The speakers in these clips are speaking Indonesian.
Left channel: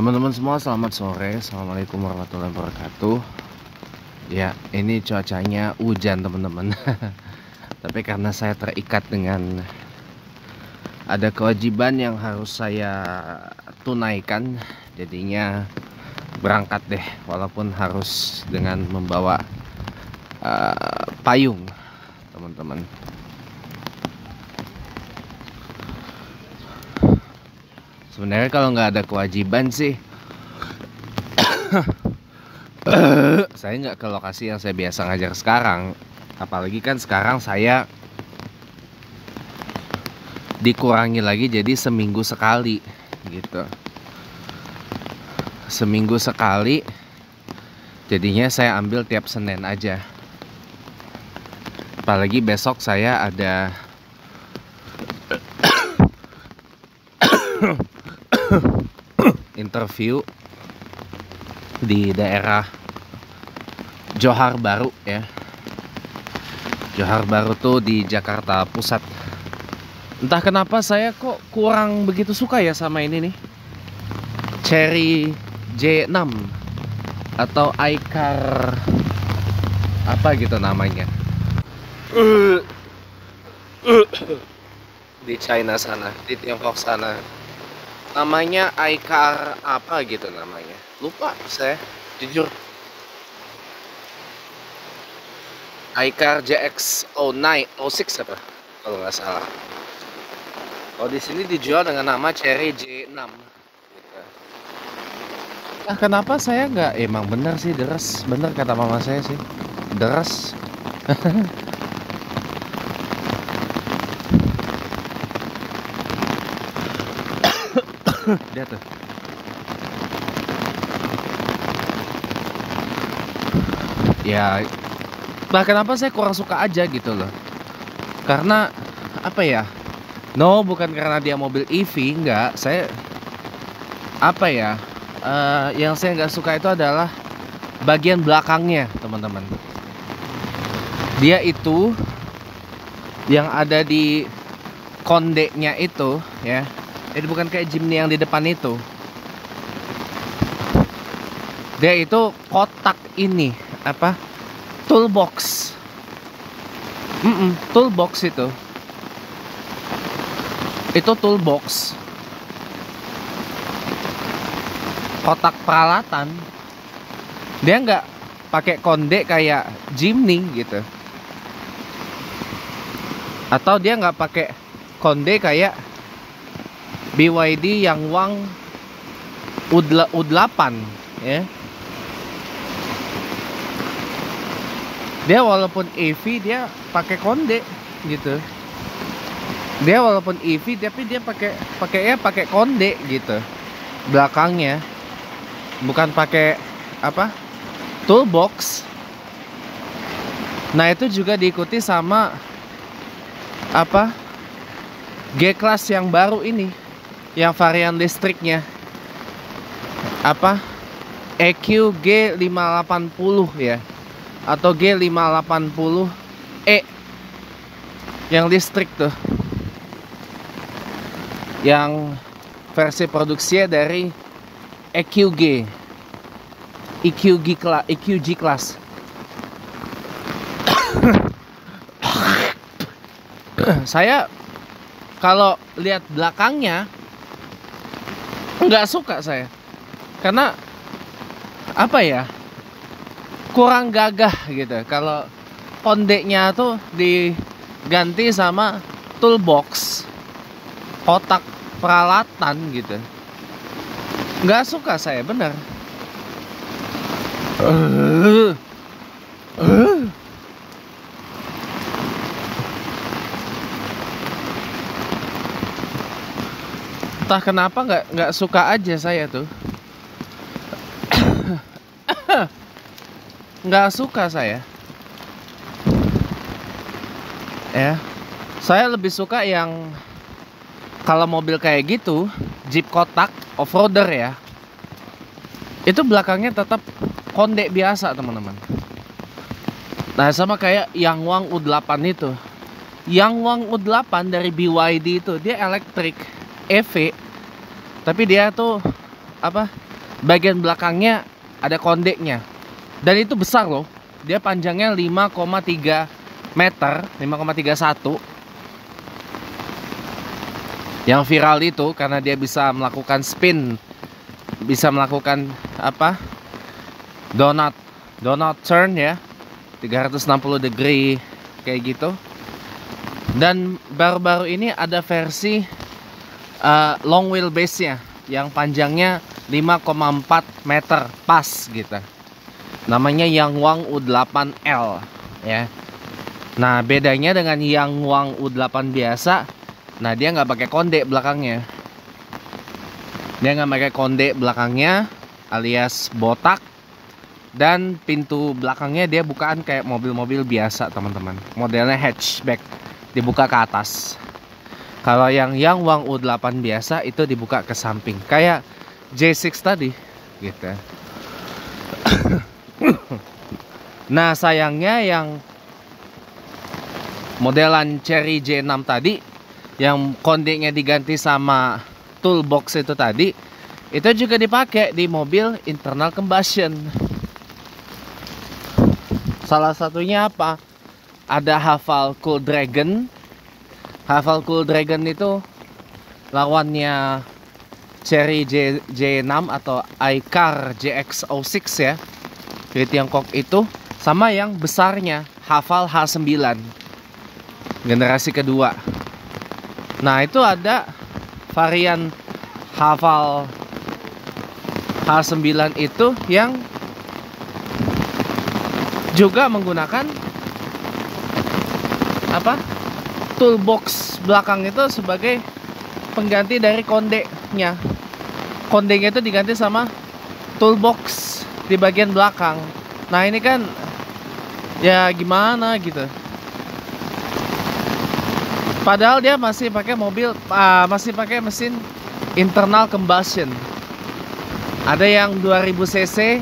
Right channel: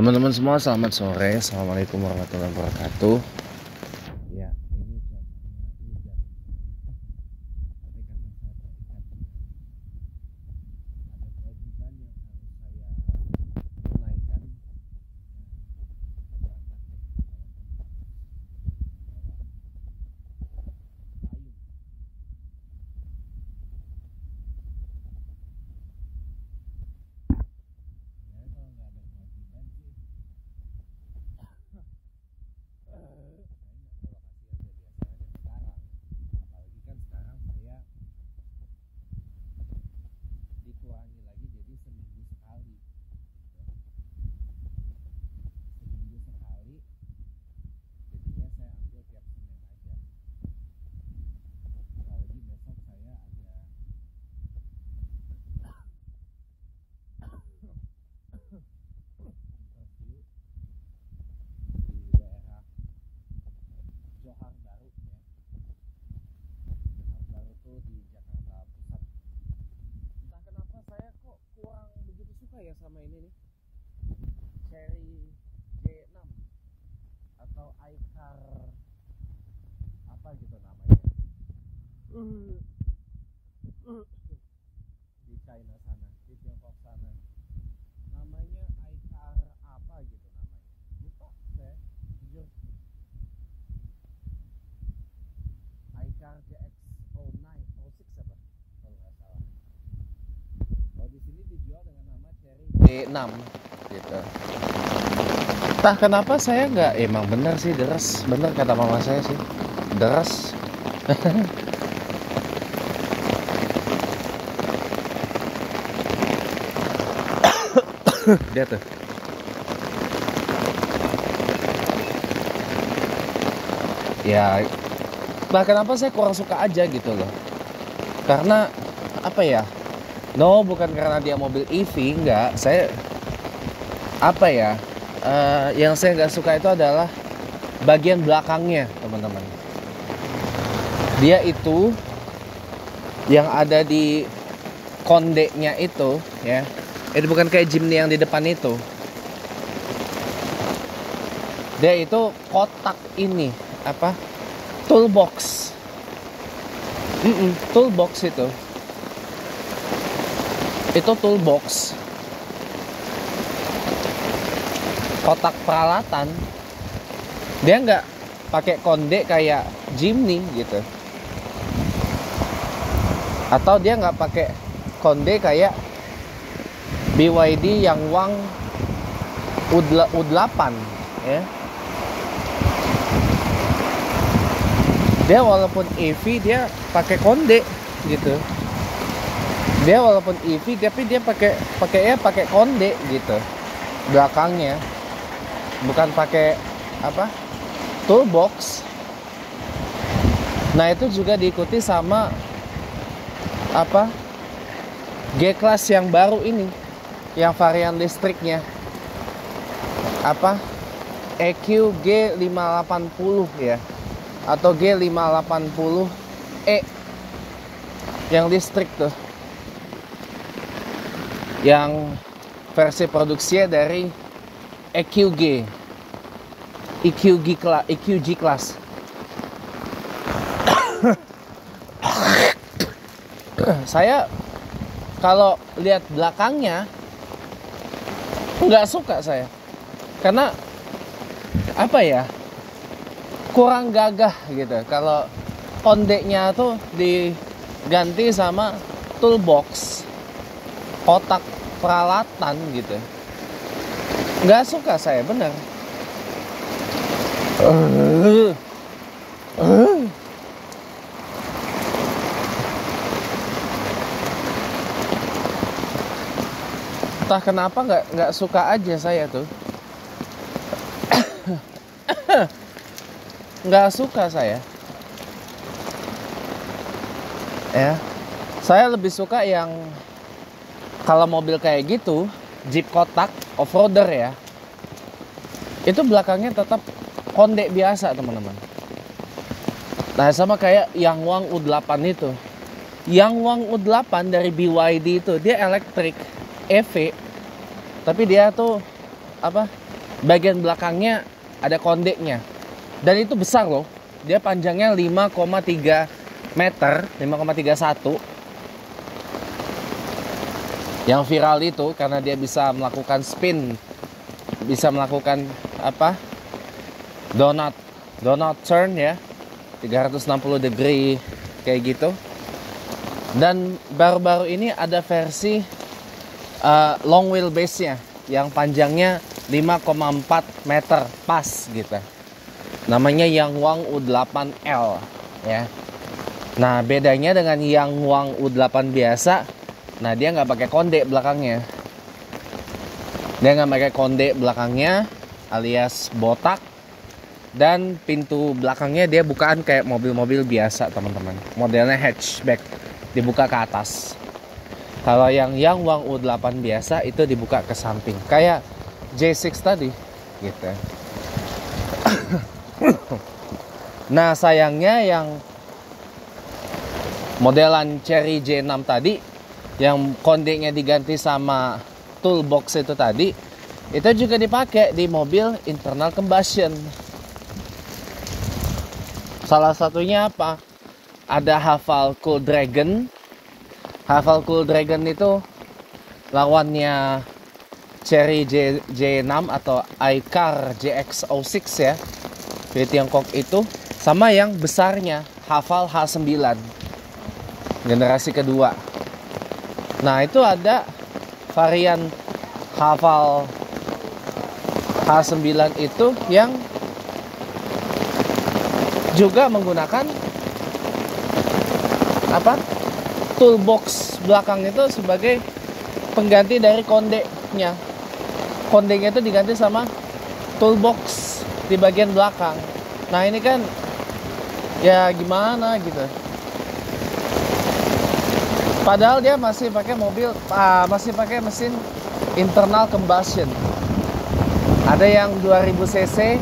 Teman-teman semua, selamat sore. Assalamualaikum warahmatullahi wabarakatuh. Ya, ini cuacanya hujan teman-teman. Tapi karena saya terikat dengan ada kewajiban yang harus saya tunaikan, jadinya berangkat deh, walaupun harus dengan membawa payung teman-teman. Sebenarnya kalau nggak ada kewajiban sih saya nggak ke lokasi yang saya biasa ngajar sekarang. Apalagi kan sekarang saya dikurangi lagi jadi seminggu sekali gitu. Seminggu sekali, jadinya saya ambil tiap Senin aja. Apalagi besok saya ada interview di daerah Johar Baru ya. Johar Baru tuh di Jakarta Pusat. Entah kenapa saya kok kurang begitu suka ya sama ini nih, Cherry J6 atau iCar apa gitu namanya di China sana, di Tiongkok sana. Namanya iCar apa gitu namanya, lupa saya jujur. iCar JX09 06 apa kalau nggak salah. Oh, di sini dijual dengan nama Cherry J6 gitu. Entah kenapa saya nggak, emang bener sih deres, bener kata mama saya sih, deres. Dia tuh. Ya, nah kenapa saya kurang suka aja gitu loh. Karena apa ya? No, bukan karena dia mobil EV, enggak. Saya apa ya? Yang saya nggak suka itu adalah bagian belakangnya, teman-teman. Dia itu yang ada di kondeknya itu ya. Ini bukan kayak Jimny yang di depan itu. Dia itu kotak ini apa? Toolbox. Toolbox itu. Itu toolbox. Kotak peralatan. Dia nggak pakai kondek kayak Jimny gitu. Atau dia nggak pakai kondek kayak BYD yang Wang U8 ya. Dia walaupun EV dia pakai konde gitu. Dia walaupun EV tapi dia pakai konde gitu. Belakangnya bukan pakai apa? Toolbox. Nah, itu juga diikuti sama apa? G-Class yang baru ini, yang varian listriknya apa, EQ G580 ya, atau G580E yang listrik tuh, yang versi produksinya dari EQG Class. Saya kalau lihat belakangnya nggak suka saya, karena apa ya, kurang gagah gitu. Kalau kondeknya tuh diganti sama toolbox, kotak peralatan gitu, nggak suka saya bener. Entah kenapa nggak suka aja saya tuh. Nggak suka saya. Saya lebih suka yang kalau mobil kayak gitu, Jeep kotak off-roader ya, itu belakangnya tetap kondek biasa teman-teman. Nah, sama kayak yang Wang U8 itu. Yang Wang U8 dari BYD itu dia elektrik EV, tapi dia tuh apa, bagian belakangnya ada kondeknya. Dan itu besar loh. Dia panjangnya 5,3 meter, 5,31. Yang viral itu karena dia bisa melakukan spin, bisa melakukan apa? Donut turn ya. 360 degree kayak gitu. Dan baru-baru ini ada versi long wheelbase-nya yang panjangnya 5,4 meter pas gitu. Namanya Yangwang U8L ya. Nah, bedanya dengan Yangwang U8 biasa, nah dia nggak pakai kondek belakangnya. Dia nggak pakai kondek belakangnya alias botak. Dan pintu belakangnya dia bukaan kayak mobil-mobil biasa teman-teman. Modelnya hatchback, dibuka ke atas. Kalau yang Yangwang U8 biasa itu dibuka ke samping, kayak J6 tadi gitu. Nah sayangnya yang modelan Chery J6 tadi, yang kondeknya diganti sama toolbox itu tadi, itu juga dipakai di mobil internal combustion. Salah satunya apa? Ada Haval Cool Dragon. Haval Cool Dragon itu lawannya Chery J6 atau iCar JX06 ya. Di Tiongkok itu, sama yang besarnya Haval H9 generasi kedua. Nah, itu ada varian Haval H9 itu yang juga menggunakan apa? Toolbox belakang itu sebagai pengganti dari kondeknya. Kondeknya itu diganti sama toolbox di bagian belakang. Nah, ini kan ya gimana gitu. Padahal dia masih pakai mobil, masih pakai mesin internal combustion. Ada yang 2000 cc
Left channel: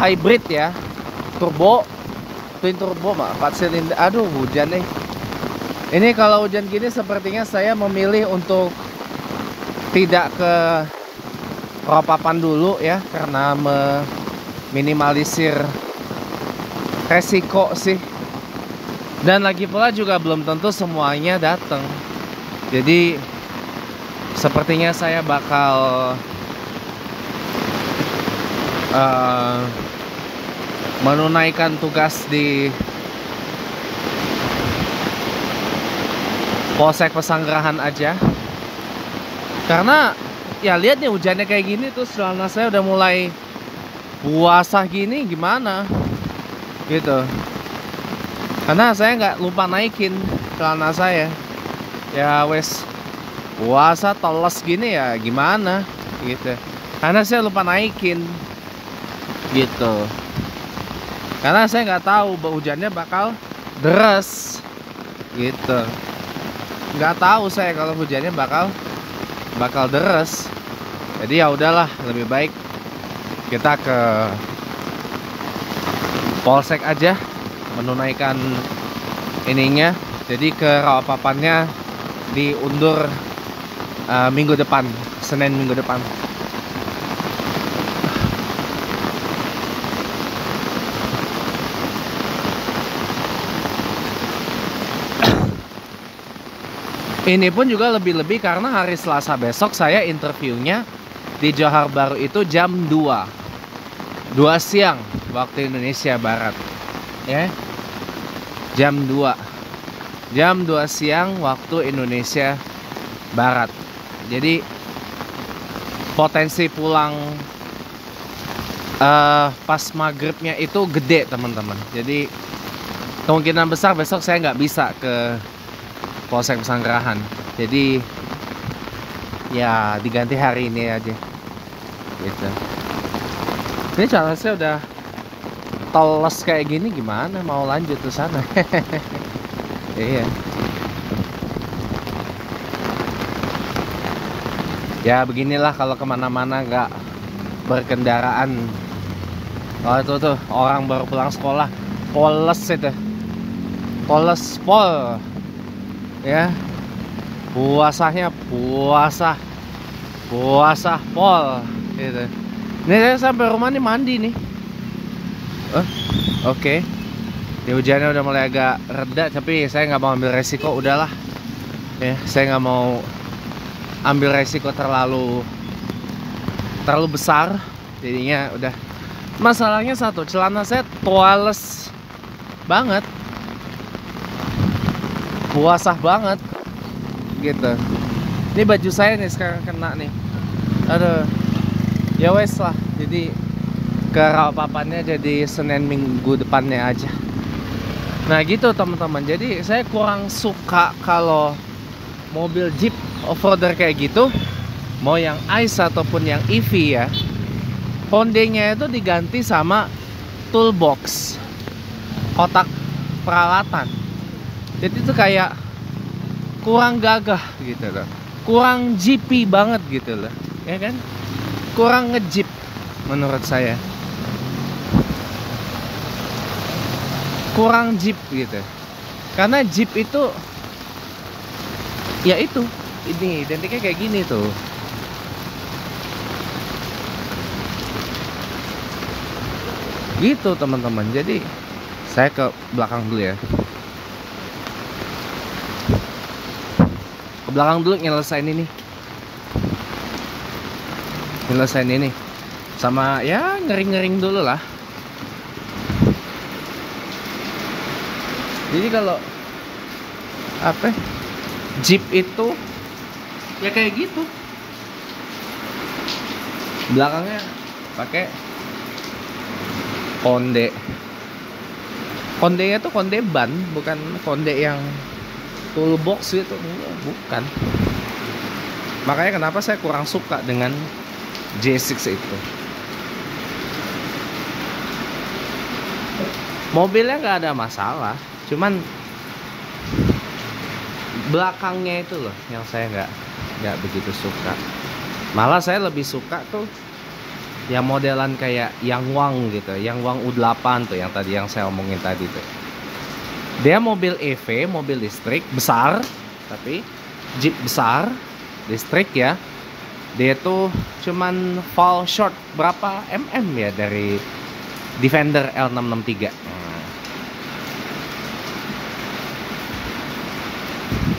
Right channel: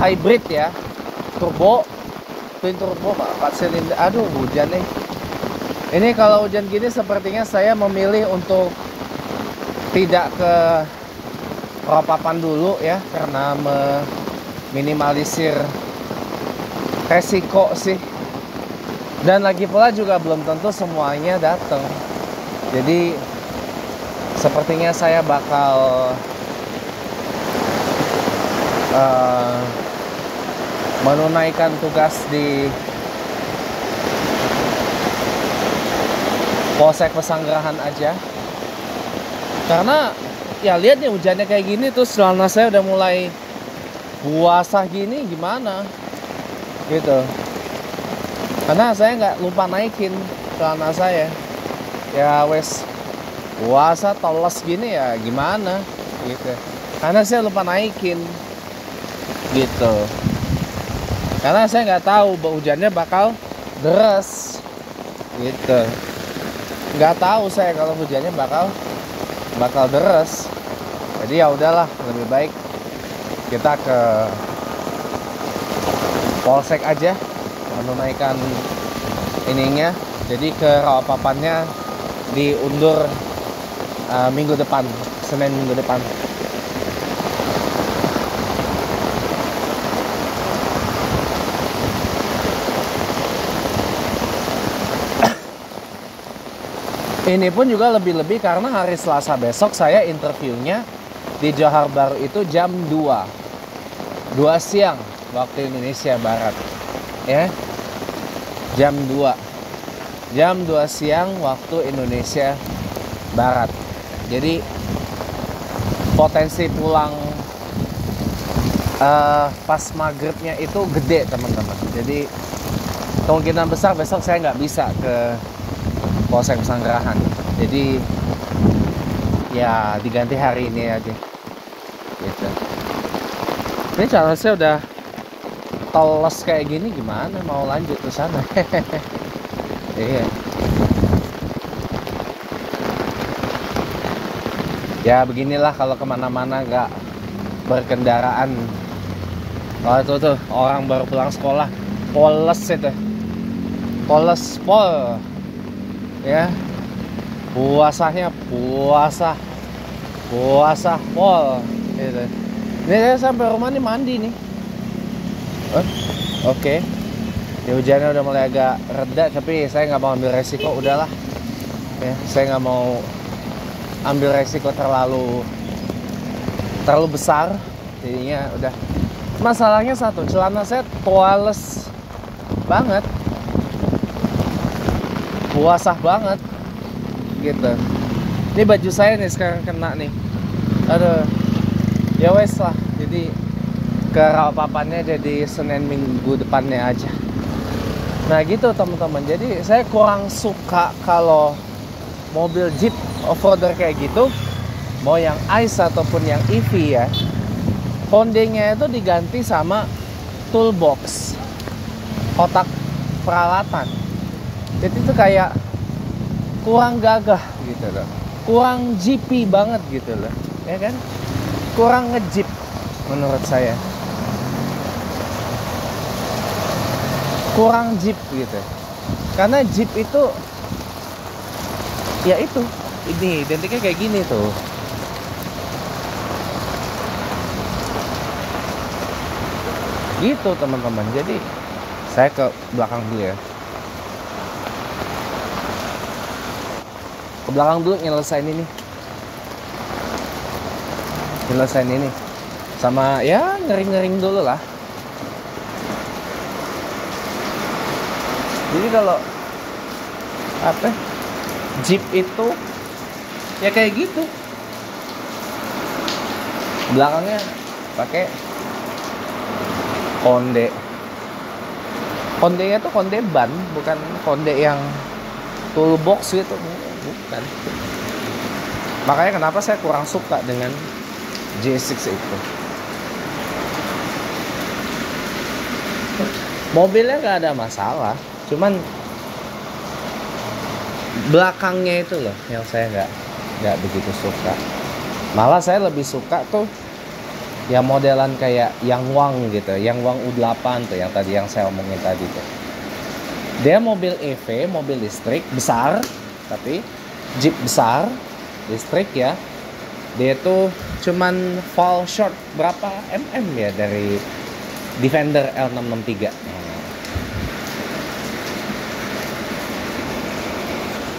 hybrid ya, turbo, twin turbo, 4 silinder. Aduh, hujan nih. Ini kalau hujan gini sepertinya saya memilih untuk tidak ke Ropapan dulu ya, karena meminimalisir resiko sih. Dan lagi pula juga belum tentu semuanya datang. Jadi sepertinya saya bakal menunaikan tugas di Polsek Pesanggerahan aja. Karena ya lihat nih hujannya kayak gini, terus celana saya udah mulai basah gini, gimana gitu. Karena saya nggak lupa naikin celana saya. Ya wes puasa teles gini ya gimana gitu. Karena saya lupa naikin gitu. Karena saya nggak tahu hujannya bakal deras gitu. Nggak tahu saya kalau hujannya bakal deras. Jadi ya udahlah, lebih baik kita ke Polsek aja menunaikan ininya. Jadi ke Rawapapannya diundur minggu depan, Senin minggu depan. Ini pun juga lebih-lebih karena hari Selasa besok saya interviewnya di Johor Bahru itu jam 2 siang waktu Indonesia Barat ya. Jam 2 siang waktu Indonesia Barat. Jadi potensi pulang pas maghribnya itu gede teman-teman. Jadi kemungkinan besar besok saya nggak bisa ke Polsek Pesanggerahan. Jadi ya diganti hari ini aja gitu. Ini cara saya udah teles kayak gini, gimana mau lanjut ke sana. Iya. Ya beginilah kalau kemana-mana nggak berkendaraan. Oh tuh orang baru pulang sekolah, poles itu, poles pol ya, puasanya puasa pol gitu. Nih saya sampai rumah nih mandi nih. Oh, oke. Ya hujannya udah mulai agak reda, tapi saya nggak mau ambil resiko, udahlah. Ya, saya nggak mau ambil resiko terlalu besar, jadinya udah. Masalahnya satu, celana saya toales banget, basah banget gitu. Ini baju saya nih sekarang kena nih, aduh. Ya wes lah, jadi kerapapannya jadi Senin minggu depannya aja. Nah gitu teman-teman, jadi saya kurang suka kalau mobil Jeep off-roader kayak gitu, mau yang ICE ataupun yang EV ya, kondenya itu diganti sama toolbox, kotak peralatan. Itu tuh kayak kurang gagah gitu loh, kurang jeepy banget gitu loh, ya kan? Kurang nge-jeep menurut saya, kurang jeep gitu. Karena jeep itu ya itu, ini identiknya kayak gini tuh. Gitu teman-teman. Jadi saya ke belakang dulu ya. Ke belakang dulu nyelesain ini. Nyelesain ini. Sama ya ngering-ngering dulu lah. Jadi kalau apa? Jeep itu ya kayak gitu. Belakangnya pakai konde. Kondenya tuh konde ban, bukan konde yang toolbox gitu, bukan. Makanya kenapa saya kurang suka dengan J6 itu. Mobilnya nggak ada masalah, cuman belakangnya itu loh yang saya nggak begitu suka. Malah saya lebih suka tuh yang modelan kayak Yangwang gitu, Yangwang U8 tuh, yang tadi yang saya omongin tadi tuh. Dia mobil EV, mobil listrik besar, tapi Jeep besar listrik ya. Dia tuh cuman fall short berapa ya dari Defender L663.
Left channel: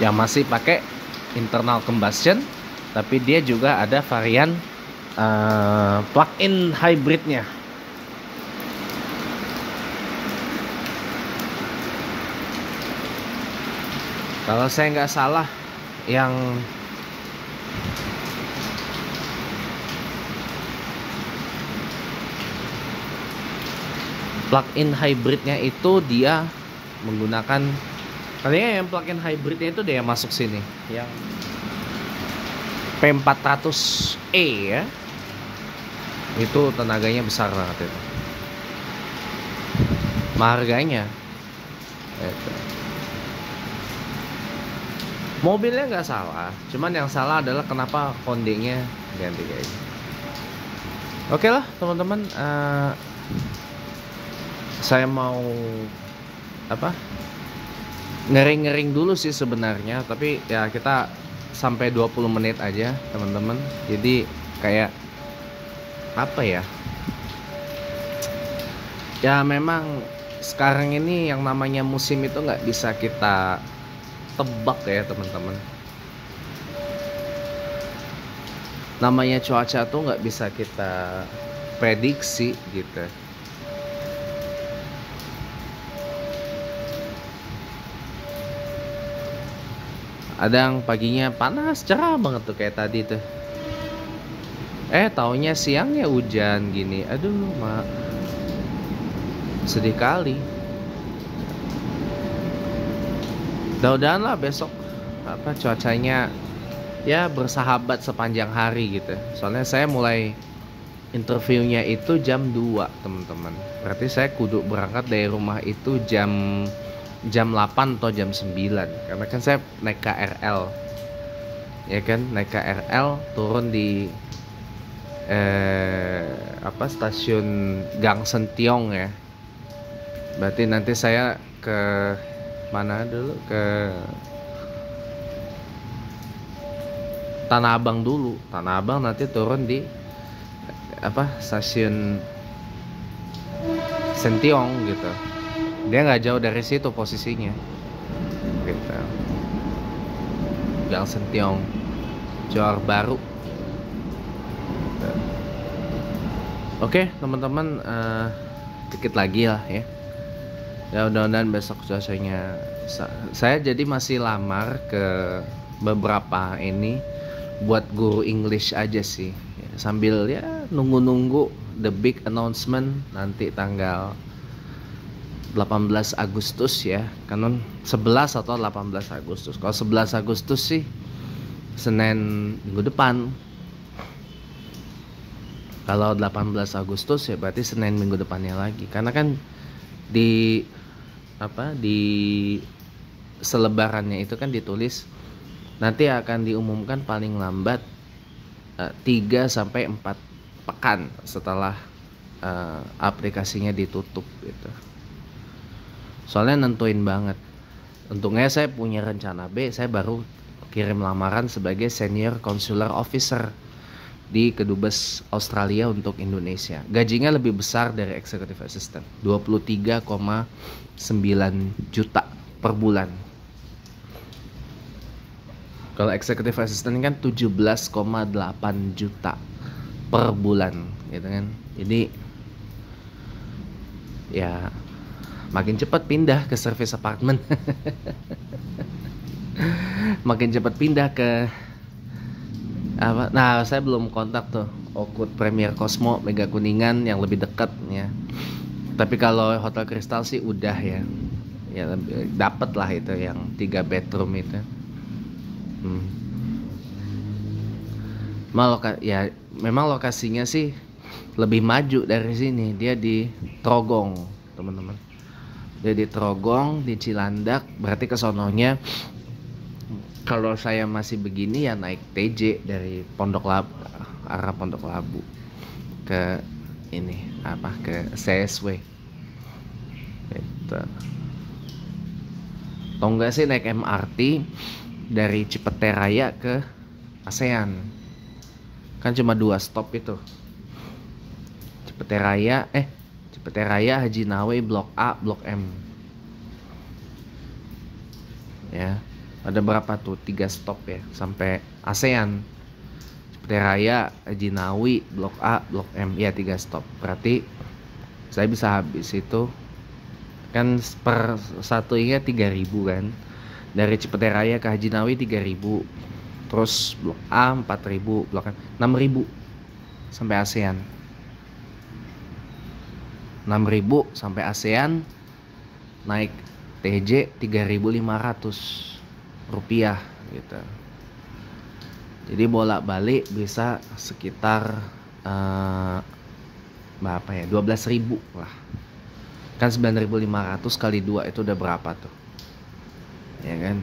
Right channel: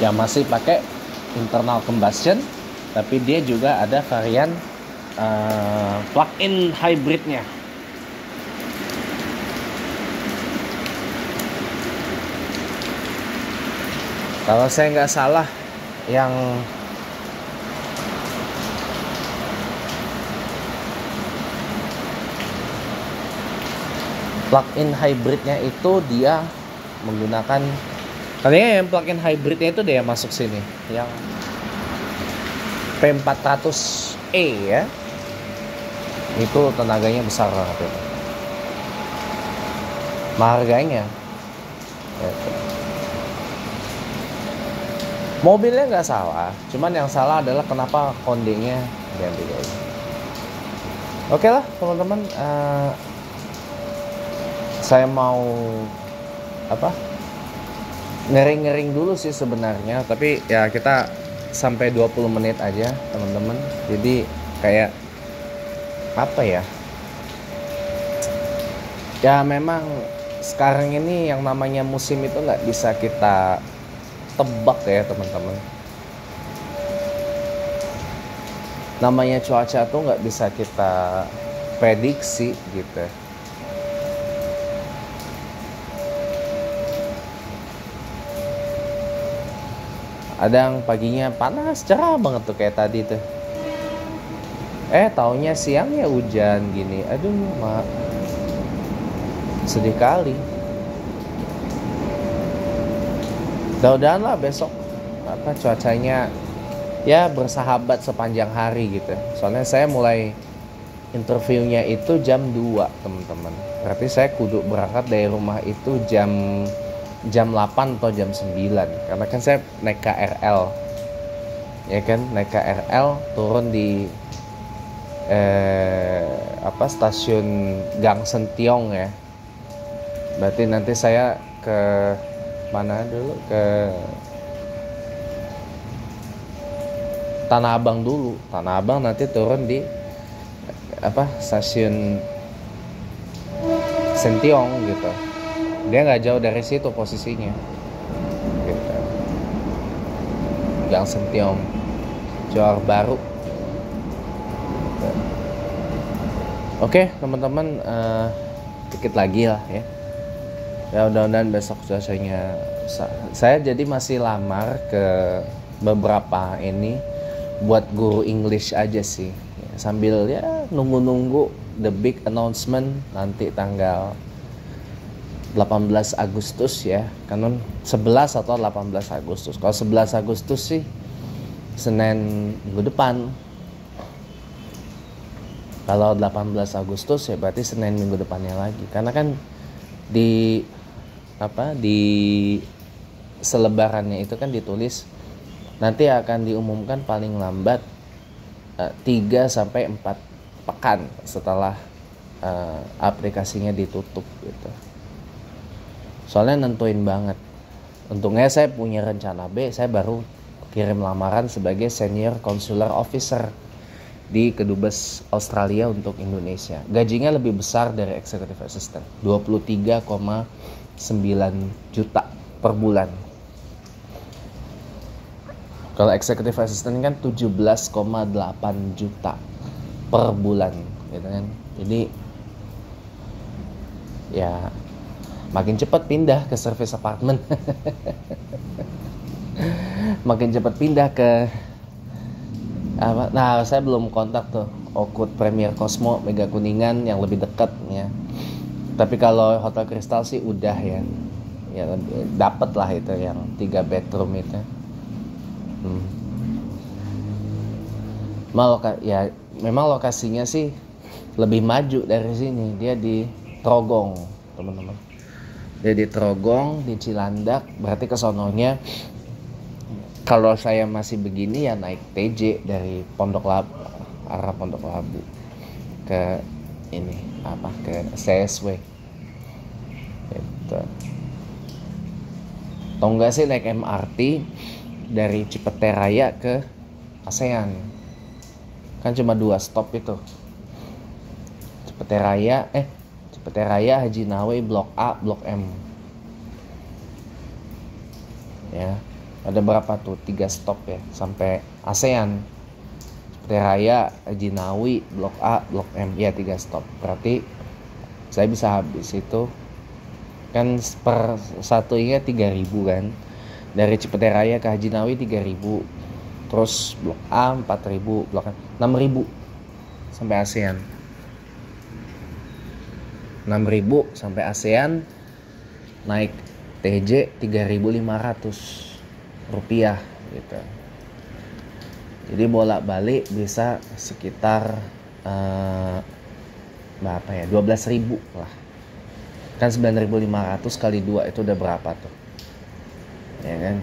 Yang masih pakai internal combustion, tapi dia juga ada varian plug-in hybridnya. Kalau saya nggak salah, yang plug-in hybridnya itu dia menggunakan, kayaknya yang plug-in hybridnya itu dia masuk sini, yang P400E ya. Itu tenaganya besar banget itu. Harganya itu. Mobilnya nggak salah, cuman yang salah adalah kenapa kondenya ganti kayak gini. Oke lah teman-teman, saya mau apa, ngering-ngering dulu sih sebenarnya, tapi ya kita sampai 20 menit aja teman-teman. Jadi kayak apa ya, ya memang sekarang ini yang namanya musim itu nggak bisa kita tebak ya teman-teman. Namanya cuaca tuh nggak bisa kita prediksi gitu. Ada yang paginya panas cerah banget tuh kayak tadi tuh. Taunya siangnya hujan gini. Aduh, mak. Sedih kali. Mudah-mudahan lah besok apa cuacanya ya bersahabat sepanjang hari gitu. Soalnya saya mulai interviewnya itu jam 2 teman-teman. Berarti saya kudu berangkat dari rumah itu jam 8 atau jam 9. Karena kan saya naik KRL. Ya kan, naik KRL turun di stasiun Gang Sentiong ya. Berarti nanti saya ke mana dulu, ke Tanah Abang dulu. Tanah Abang nanti turun di stasiun Sentiong gitu. Dia nggak jauh dari situ posisinya gitu. Gang Sentiong, Johor Baru gitu. Oke teman-teman, dikit lagi lah ya. Ya mudah-mudahan besok cuacanya. Saya jadi masih lamar ke beberapa ini buat guru English aja sih ya, sambil ya nunggu the big announcement nanti tanggal 18 Agustus ya, kan 11 atau 18 Agustus. Kalau 11 Agustus sih Senin minggu depan. Kalau 18 Agustus ya berarti Senin minggu depannya lagi. Karena kan di selebarannya itu kan ditulis nanti akan diumumkan paling lambat 3 sampai 4 pekan setelah aplikasinya ditutup gitu. Soalnya nentuin banget. Untungnya saya punya rencana B, saya baru kirim lamaran sebagai senior consular officer di Kedubes Australia untuk Indonesia. Gajinya lebih besar dari executive assistant, 23,9 juta per bulan. Kalau executive assistant kan 17,8 juta per bulan gitu kan. Jadi ya makin cepat pindah ke service apartment. Makin cepat pindah ke apa? Nah, saya belum kontak tuh Oakwood Premier Cosmo Mega Kuningan yang lebih dekat ya. Tapi kalau Hotel Kristal sih udah ya. Ya dapat lah itu yang 3 bedroom itu. Ya memang lokasinya sih lebih maju dari sini. Dia di Trogong, teman-teman. Dia di Trogong, di Cilandak. Berarti kesononya kalau saya masih begini ya naik TJ dari Pondok Labu, arah Pondok Labu ke ini ke CSW. Gitu. Atau enggak sih naik MRT dari Cipete Raya ke ASEAN. Kan cuma 2 stop itu. Cipete Raya, Haji Nawawi, Blok A, Blok M. Ya, ada berapa tuh? 3 stop ya sampai ASEAN. Cipete Raya, Haji Nawawi, Blok A, Blok M. Ya 3 stop. Berarti saya bisa habis itu kan per satunya 3.000 kan. Dari Cipete Raya ke Haji Nawawi 3.000. Terus Blok A 4.000, Blok M 6.000 sampai ASEAN. 6.000 sampai ASEAN, naik TJ 3.500 rupiah gitu. Jadi bolak-balik bisa sekitar berapa ya? 12.000 lah. Kan 9.500 kali 2 itu udah berapa tuh? Ya kan?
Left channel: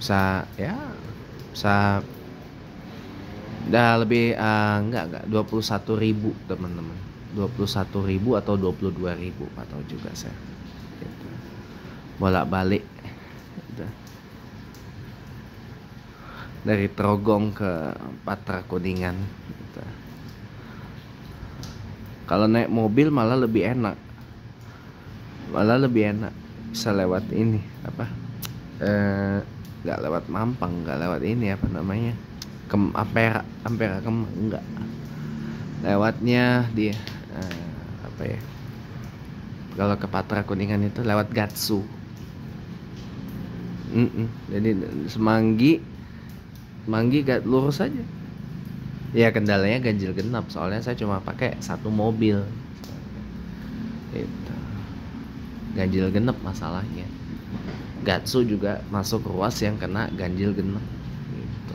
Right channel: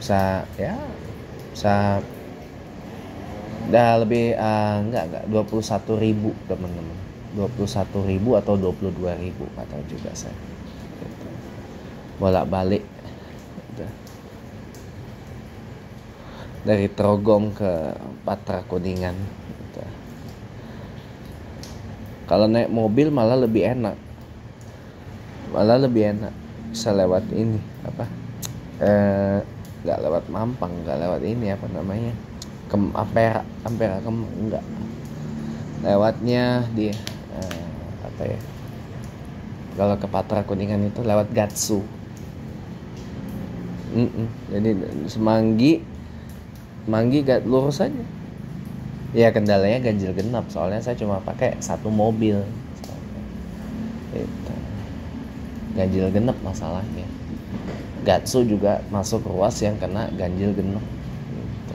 Bisa udah lebih enggak 21.000 teman-teman. 21.000 atau 22.000 atau juga saya gitu. Bolak-balik gitu. Dari Trogong ke Patra Kuningan gitu. Kalau naik mobil malah lebih enak. Saya lewat ini nggak lewat Mampang, nggak lewat ini Ampera enggak, lewatnya di kalau ke Patra Kuningan itu lewat Gatsu. Jadi Semanggi lurus aja ya. Kendalanya ganjil genap, soalnya saya cuma pakai 1 mobil itu. Ganjil genap masalahnya. Gatsu juga masuk ruas yang kena ganjil genap gitu.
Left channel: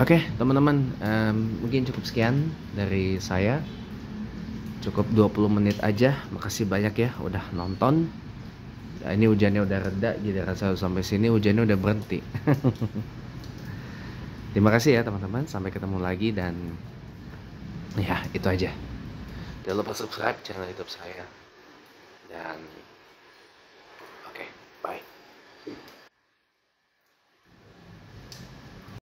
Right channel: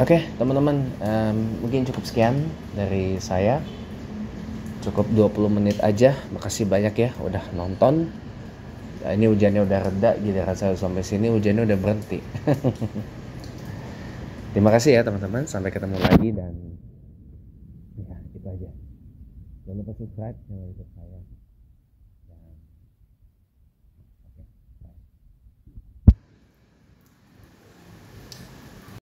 Oke teman-teman, mungkin cukup sekian dari saya. Cukup 20 menit aja. Makasih banyak ya udah nonton. Ini hujannya udah reda, jadi rasa sampai sini hujannya udah berhenti. Terima kasih ya teman-teman, sampai ketemu lagi dan ya itu aja. Jangan lupa subscribe channel YouTube saya dan